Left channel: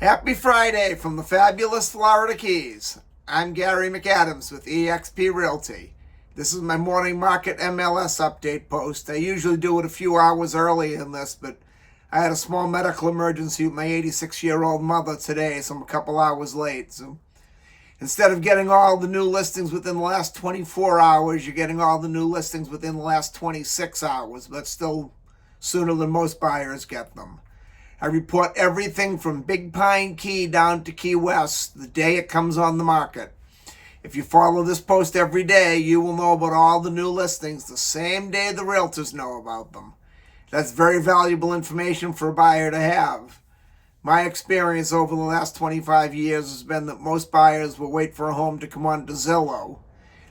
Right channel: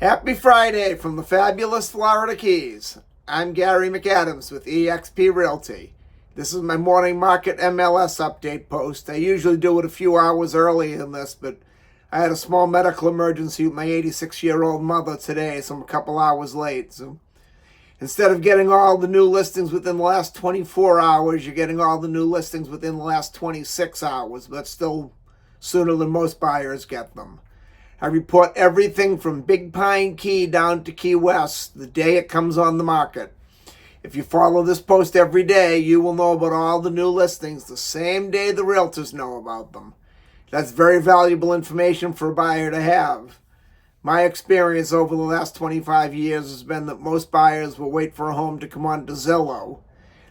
Happy Friday from the fabulous Florida Keys. I'm Gary McAdams with eXp Realty. This is my morning market MLS update post. I usually do it a few hours early in this, but I had a small medical emergency with my 86-year-old mother today, so I'm a couple hours late. So instead of getting all the new listings within the last 24 hours, you're getting all the new listings within the last 26 hours, but still sooner than most buyers get them. I report everything from Big Pine Key down to Key West the day it comes on the market. If you follow this post every day, you will know about all the new listings the same day the Realtors know about them. That's very valuable information for a buyer to have. My experience over the last 25 years has been that most buyers will wait for a home to come on to Zillow.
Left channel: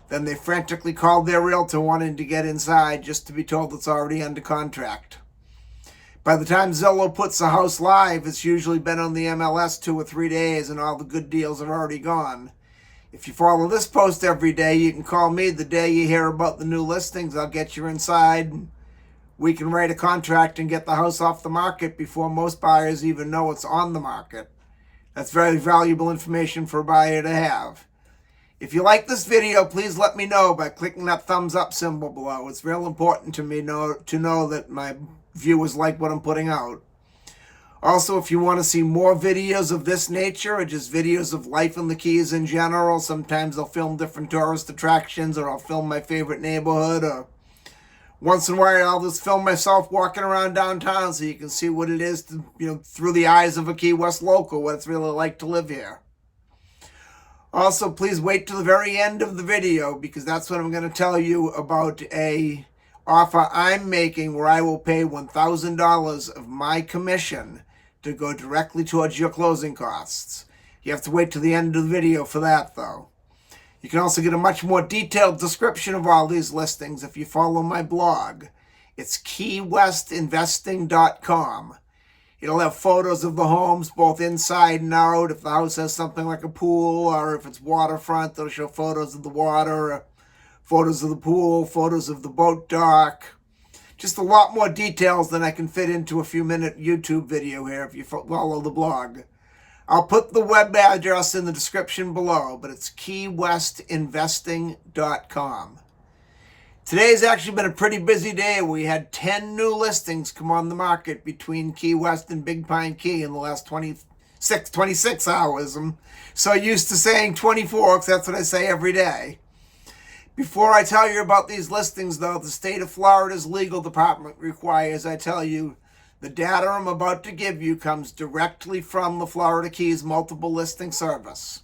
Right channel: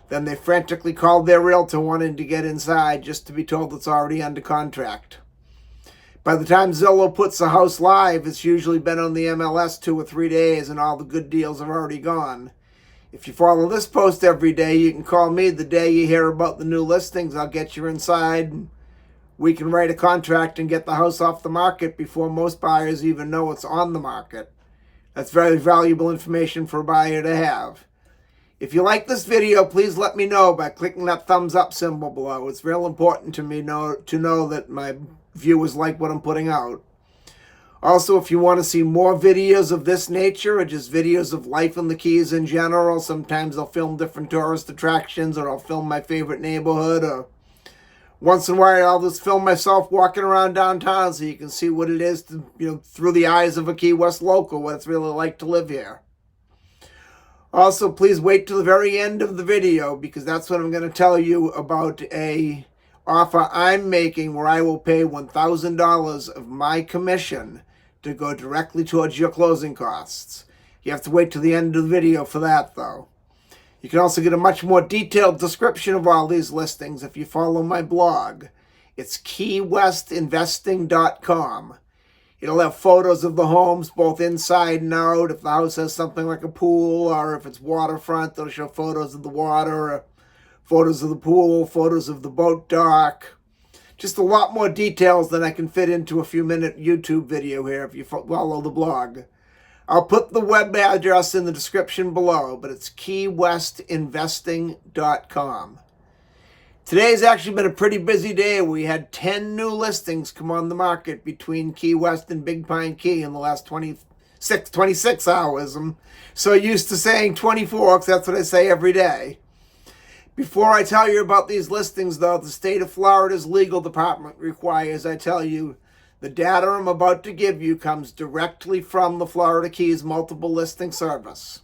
Then they frantically call their Realtor wanting to get inside just to be told it's already under contract. By the time Zillow puts the house live, it's usually been on the MLS 2 or 3 days and all the good deals are already gone. If you follow this post every day, you can call me the day you hear about the new listings. I'll get you inside. We can write a contract and get the house off the market before most buyers even know it's on the market. That's very valuable information for a buyer to have. If you like this video, please let me know by clicking that thumbs up symbol below. It's real important to me to know that my viewers like what I'm putting out. Also, if you want to see more videos of this nature or just videos of life in the Keys in general, sometimes I'll film different tourist attractions or I'll film my favorite neighborhood, or once in a while I'll just film myself walking around downtown so you can see what it is to, through the eyes of a Key West local, what it's really like to live here. Also, please wait till the very end of the video because that's when I'm going to tell you about a offer I'm making where I will pay $1,000 of my commission to go directly towards your closing costs. You have to wait till the end of the video for that, though. You can also get a much more detailed description of all these listings if you follow my blog. It's keywestinvesting.com. It'll have photos of the homes both inside and out. If the house has something like a pool or if it's waterfront, it'll show photos of the water, photos of the pool, photos of the boat dock. Just a lot more details than I can fit into a few-minute YouTube video here if you follow the blog. I'll put the web address in the description below, but it's keywestinvesting.com. Today's actually been a pretty busy day. We had 10 new listings come on the market between Key West and Big Pine Key in the last 26 hours. I'm so used to saying 24 because that's what I say every day. Before I tell you about these listings, though, the state of Florida's legal department requires I tell you the data I'm about to give you comes directly from the Florida Keys Multiple Listing Service.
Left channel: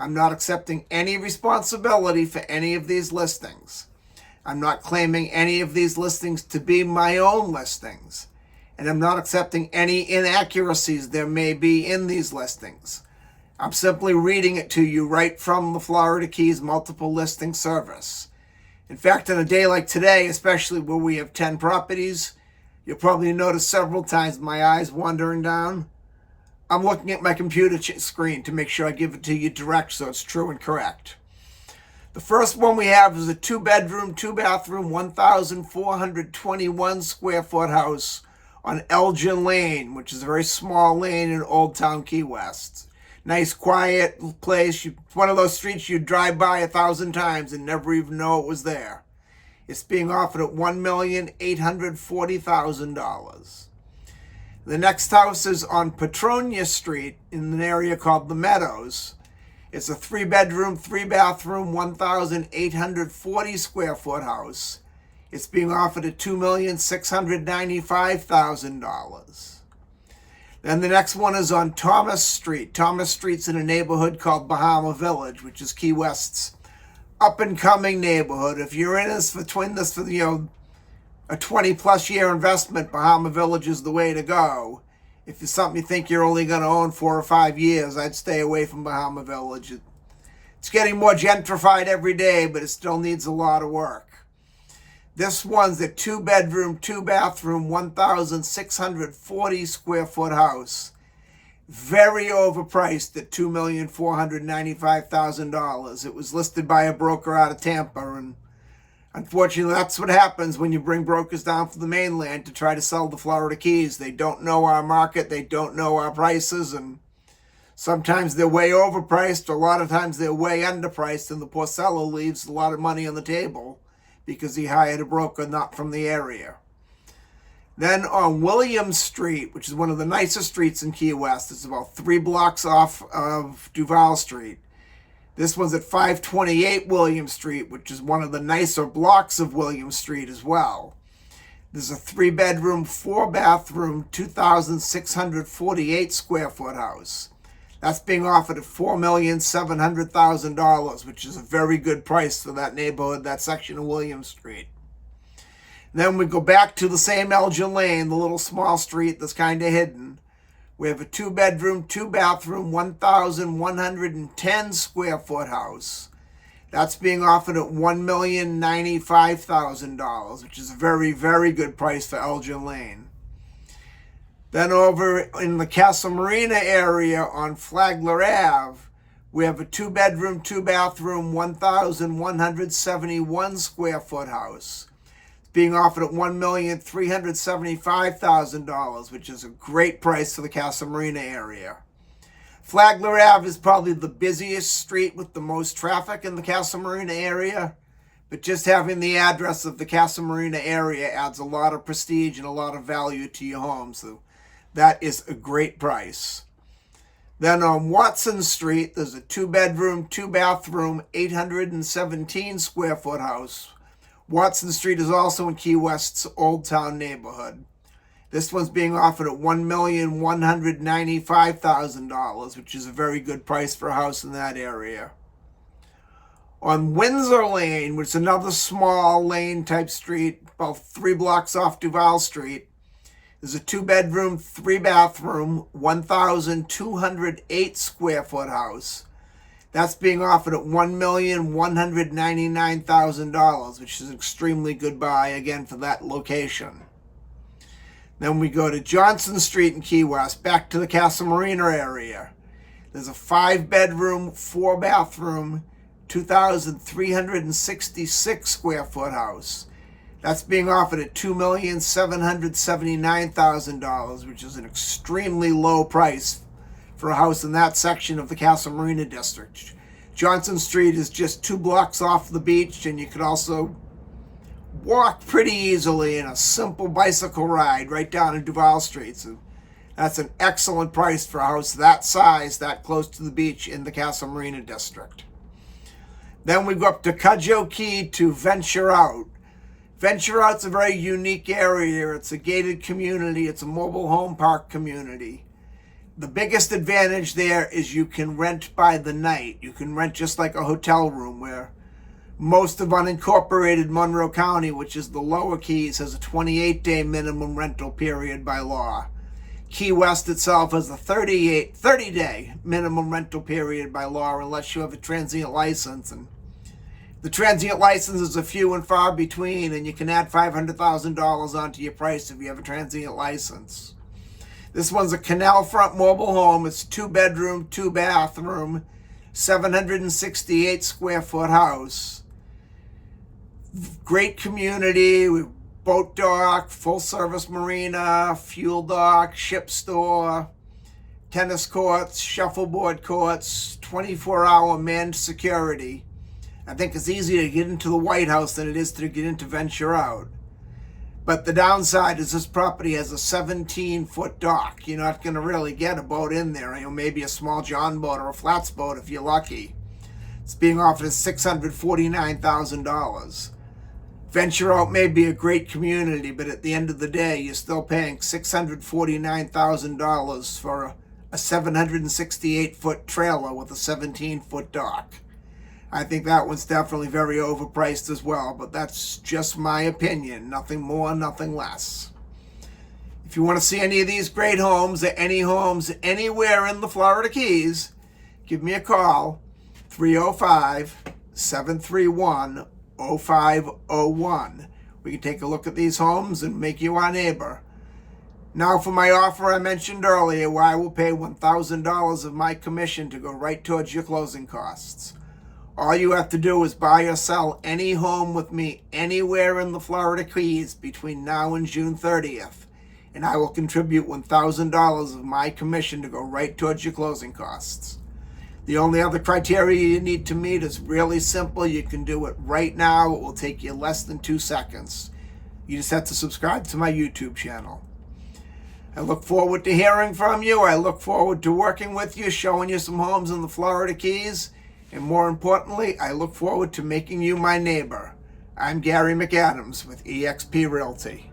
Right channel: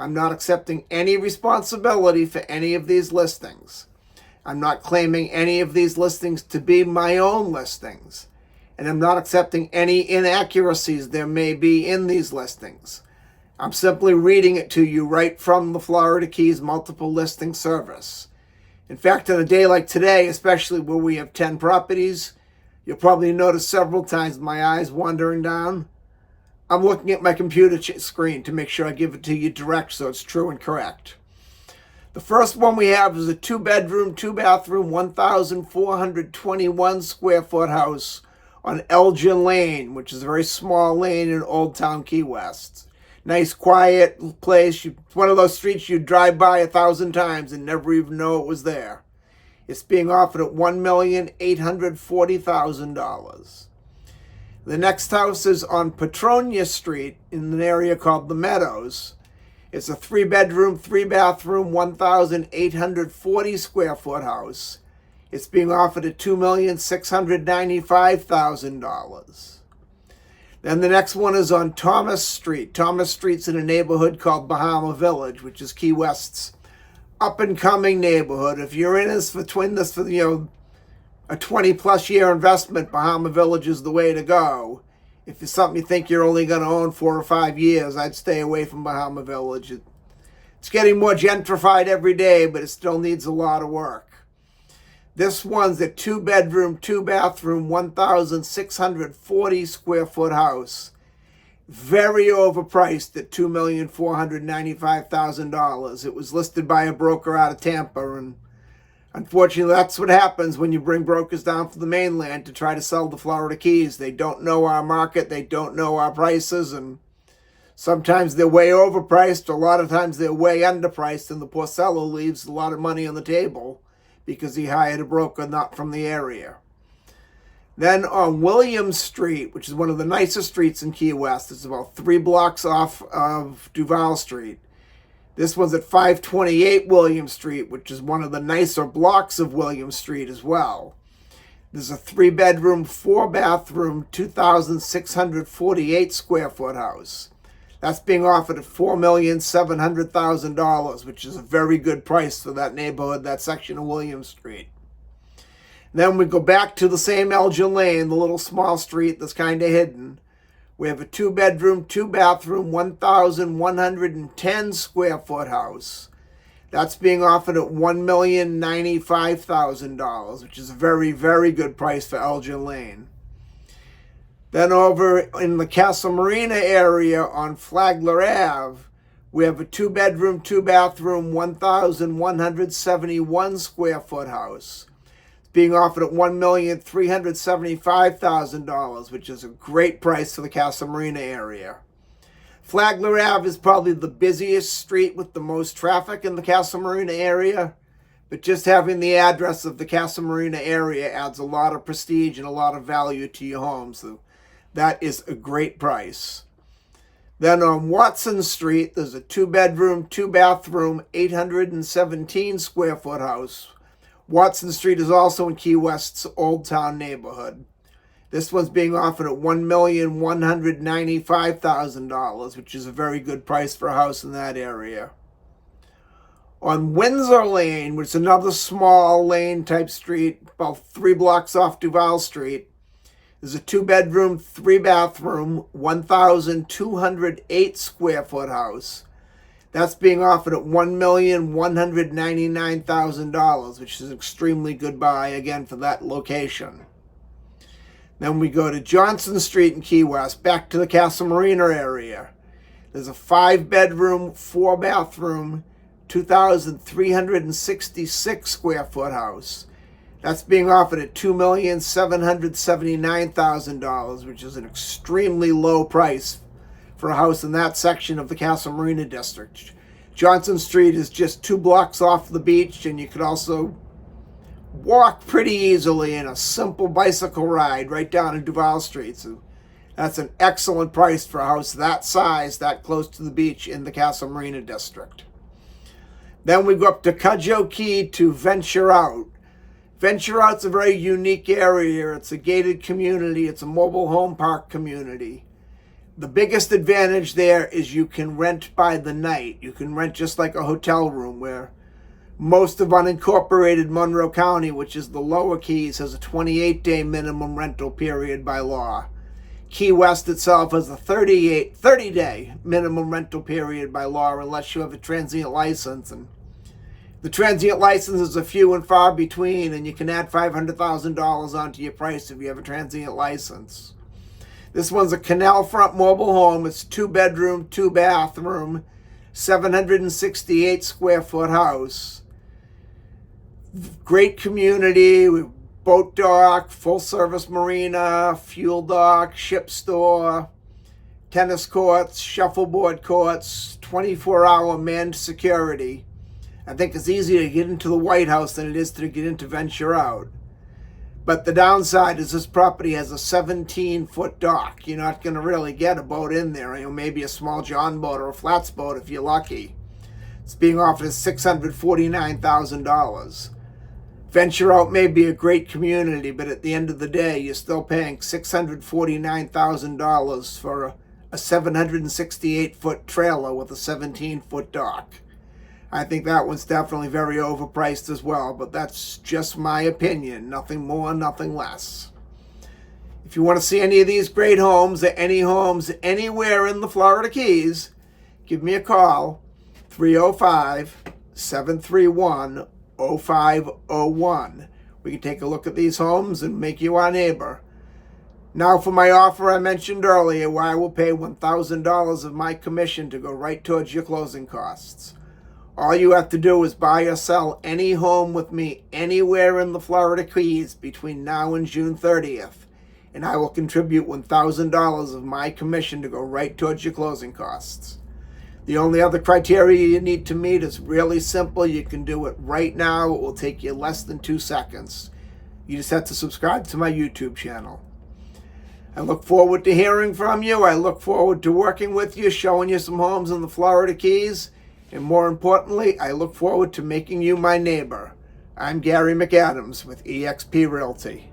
I'm not accepting any responsibility for any of these listings. I'm not claiming any of these listings to be my own listings. And I'm not accepting any inaccuracies there may be in these listings. I'm simply reading it to you right from the Florida Keys Multiple Listing Service. In fact, on a day like today, especially where we have 10 properties, you'll probably notice several times my eyes wandering down. I'm looking at my computer screen to make sure I give it to you direct so it's true and correct. The first one we have is a 2-bedroom, 2-bathroom, 1,421 square foot house on Elgin Lane, which is a very small lane in Old Town Key West. Nice, quiet place. It's one of those streets you drive by 1,000 times and never even know it was there. It's being offered at $1,840,000. The next house is on Petronia Street in an area called The Meadows. It's a 3-bedroom, 3-bathroom, 1,840 square foot house. It's being offered at $2,695,000. Then the next one is on Thomas Street. Thomas Street's in a neighborhood called Bahama Village, which is Key West's up-and-coming neighborhood. If you're in this for a 20-plus year investment, Bahama Village is the way to go. If it's something you think you're only going to own 4 or 5 years, I'd stay away from Bahama Village. It's getting more gentrified every day, but it still needs a lot of work. This one's a 2-bedroom, 2-bathroom, 1,640 square foot house. Very overpriced at $2,495,000. It was listed by a broker out of Tampa, and unfortunately, that's what happens when you bring brokers down from the mainland to try to sell the Florida Keys. They don't know our market, they don't know our prices, and Sometimes they're way overpriced, a lot of times they're way underpriced, and the poor seller leaves a lot of money on the table because he hired a broker not from the area. Then on Williams Street, which is one of the nicest streets in Key West, it's about 3 blocks off of Duval Street. This one's at 528 Williams Street, which is one of the nicer blocks of Williams Street as well. There's a 3-bedroom, 4-bathroom, 2,648 square foot house. That's being offered at $4,700,000, which is a very good price for that neighborhood, that section of Williams Street. Then we go back to the same Elgin Lane, the little small street that's kind of hidden. We have a 2-bedroom, 2-bathroom, 1,110 square foot house. That's being offered at $1,095,000, which is a very, very good price for Elgin Lane. Then over in the Casa Marina area on Flagler Ave, we have a 2-bedroom, 2-bathroom, 1,171 square foot house. Being offered at $1,375,000, which is a great price for the Casa Marina area. Flagler Ave is probably the busiest street with the most traffic in the Casa Marina area, but just having the address of the Casa Marina area adds a lot of prestige and a lot of value to your home, so that is a great price. Then on Watson Street, there's a 2-bedroom, 2-bathroom, 817 square foot house. Watson Street is also in Key West's Old Town neighborhood. This one's being offered at $1,195,000, which is a very good price for a house in that area. On Windsor Lane, which is another small lane type street, about 3 blocks off Duval Street, there's a 2-bedroom, 3-bathroom, 1,208 square foot house. That's being offered at $1,199,000, which is an extremely good buy, again, for that location. Then we go to Johnson Street in Key West, back to the Casa Marina area. There's a 5-bedroom, 4-bathroom, 2,366 square foot house. That's being offered at $2,779,000, which is an extremely low price for a house in that section of the Casa Marina district. Johnson Street is just 2 blocks off the beach, and you could also walk pretty easily in a simple bicycle ride right down to Duval Street. So that's an excellent price for a house that size, that close to the beach in the Casa Marina district. Then we go up to Cudjoe Key to Venture Out. Venture Out's a very unique area. It's a gated community. It's a mobile home park community. The biggest advantage there is you can rent by the night. You can rent just like a hotel room, where most of unincorporated Monroe County, which is the lower Keys, has a 28-day minimum rental period by law. Key West itself has a 30-day minimum rental period by law, unless you have a transient license. And the transient licenses are few and far between, and you can add $500,000 onto your price if you have a transient license. This one's a canal front mobile home. It's 2-bedroom, 2-bathroom, 768 square foot house. Great community with boat dock, full service marina, fuel dock, ship store, tennis courts, shuffleboard courts, 24-hour manned security. I think it's easier to get into the White House than it is to get into Venture Out. But the downside is this property has a 17-foot dock. You're not going to really get a boat in there. You know, maybe a small john boat or a flats boat if you're lucky. It's being offered at $649,000. Venture Out may be a great community, but at the end of the day, you're still paying $649,000 for a 768-foot trailer with a 17-foot dock. I think that one's definitely very overpriced as well, but that's just my opinion. Nothing more, nothing less. If you want to see any of these great homes or any homes anywhere in the Florida Keys, give me a call, 305-731-0501. We can take a look at these homes and make you our neighbor. Now for my offer I mentioned earlier, where I will pay $1,000 of my commission to go right towards your closing costs. All you have to do is buy or sell any home with me anywhere in the Florida Keys between now and June 30th. and I will contribute $1,000 of my commission to go right towards your closing costs. The only other criteria you need to meet is really simple. You can do it right now. It will take you less than 2 seconds. You just have to subscribe to my YouTube channel. I look forward to hearing from you. I look forward to working with you, showing you some homes in the Florida Keys. And more importantly, I look forward to making you my neighbor. I'm Gary McAdams with eXp Realty.